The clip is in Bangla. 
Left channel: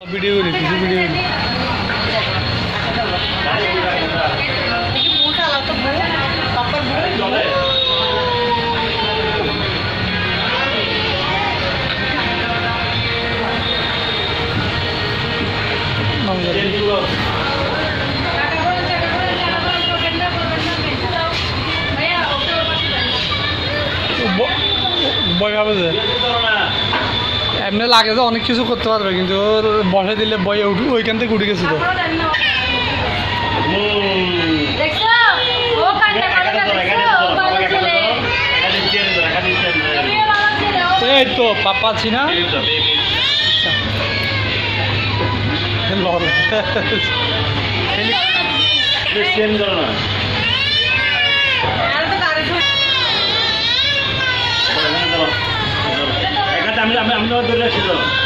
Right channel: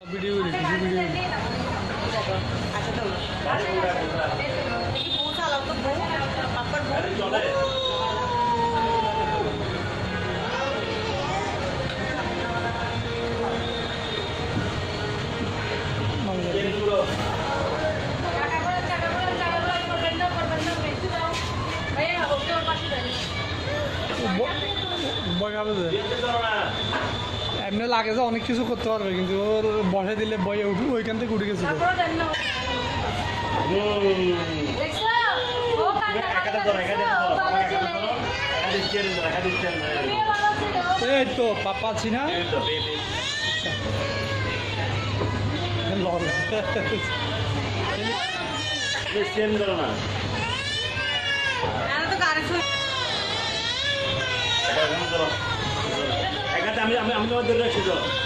ভিডিও করি কিছু ভিডিও করি বই ভাবে যে এমনি লাগে যে অনেক কিছু করতে পারবে কিন্তু ওর বসে দিলে বইয়ে ওইখান থেকে উঠে গেছে তো এই তো পাপা আছি না আমি ধরে রাখছি তো